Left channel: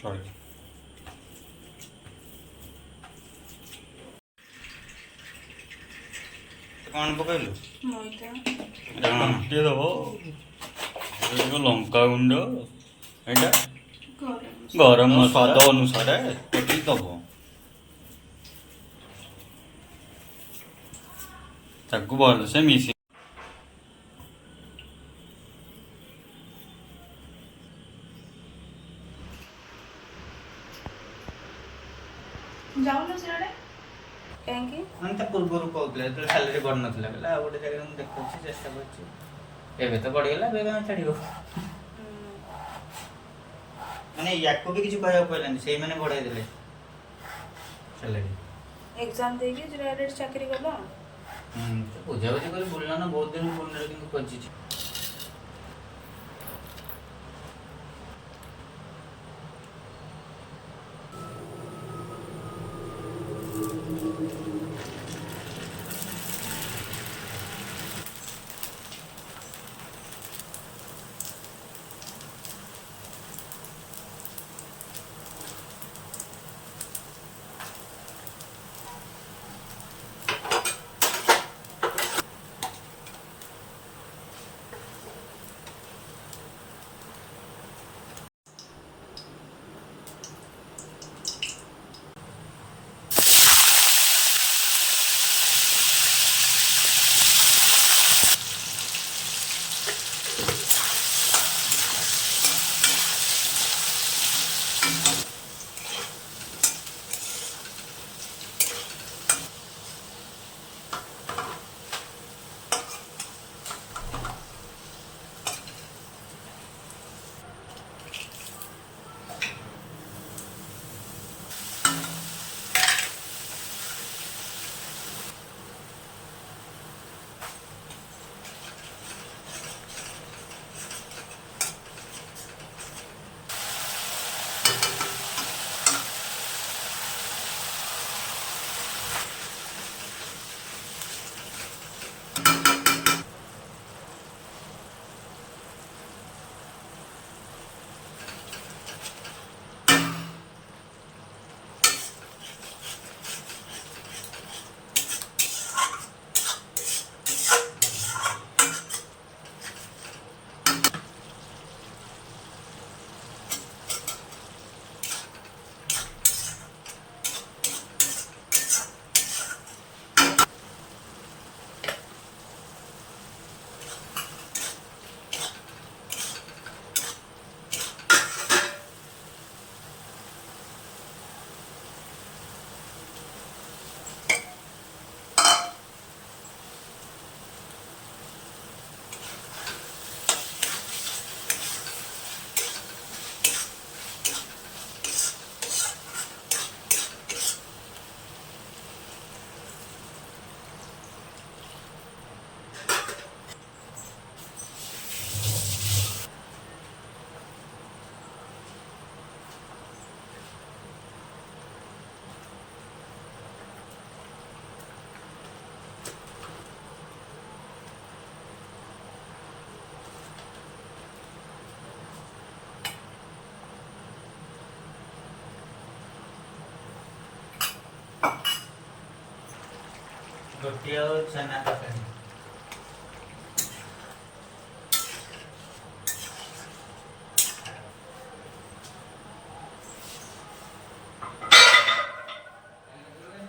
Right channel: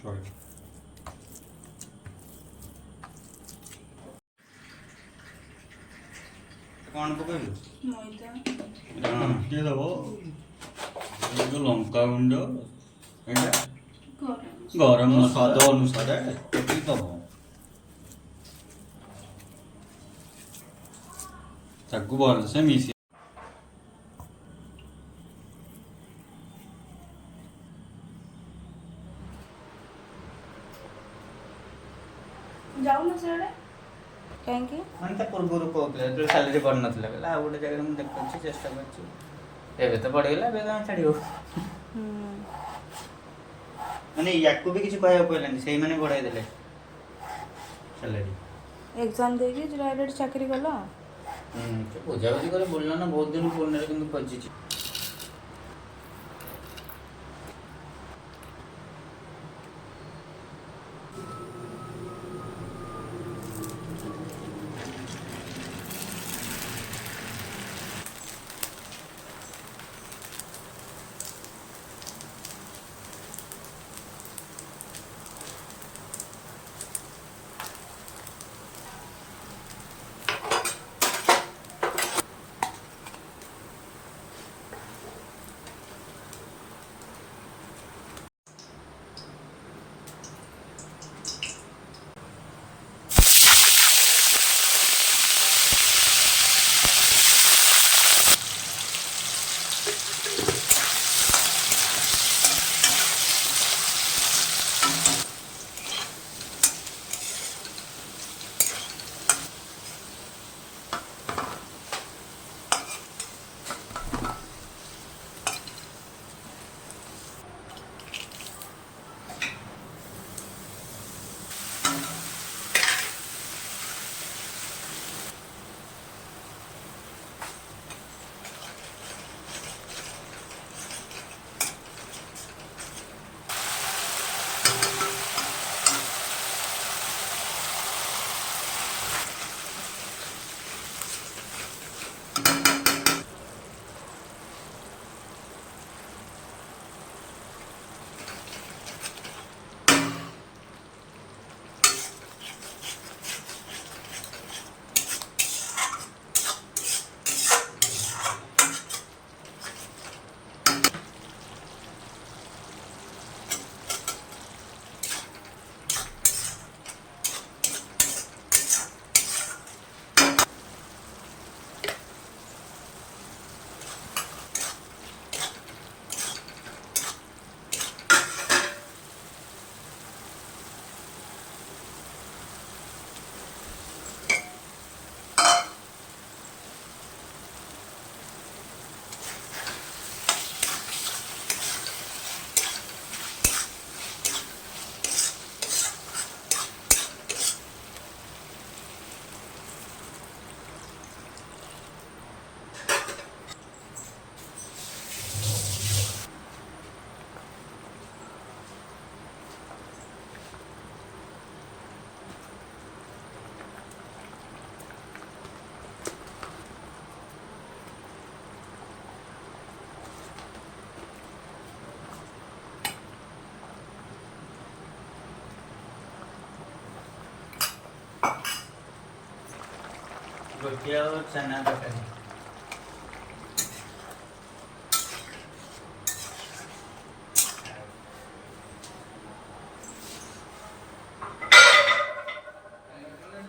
ଚଳିବ। କ'ଣ ପକେଇଲୁ? ଘାଣ୍ଟି ଦେବ। ଲଙ୍କା ଗୁଣ୍ଡ, ଏଇଟା ଗରମ ସ୍ୱାଦ ଅନୁସାରେ ପକେଇ ଦେବ। ତାକୁ ଭଲସେ ମିଶେଇ ଯାଉନ ସିଆଡ଼େ କାହିଁକି? ମାନେ ତା ପୂର୍ବରୁ କହୁଥିଲା ଯେତେବେଳେ ସାଲେରୀ ବଢ଼ିନଥିଲା, କହିଲା ଆଉ ଗୋଟେ ଜାଗାରେ ମୁଁ ଦେଖୁଛି ଚେଷ୍ଟା କରୁଛି, ଏବେ ତ ବଢ଼ିଗଲା, ଏବେ କାହିଁ ଛାଡ଼ିବ? ମାନେ ୟାକୁ ବି କିଛି କହିବାକୁ ପଡ଼ିଲାନି, ସେଇମାନେ ବଢ଼େଇ ଦେଲେ ସାଲେରୀ। ଏକ୍ଜାମ ଦେଇକି ଡାଇରେକ୍ଟ ଚାକିରି କଲ? ବୁଝାବୁଝି କରି ବୁଲିଲ ନା, ବହୁତ ଦିନ ପୁରୁଣାରେ କିନ୍ତୁ ଖୋଜିଛି। रोटी और चना तरकारी।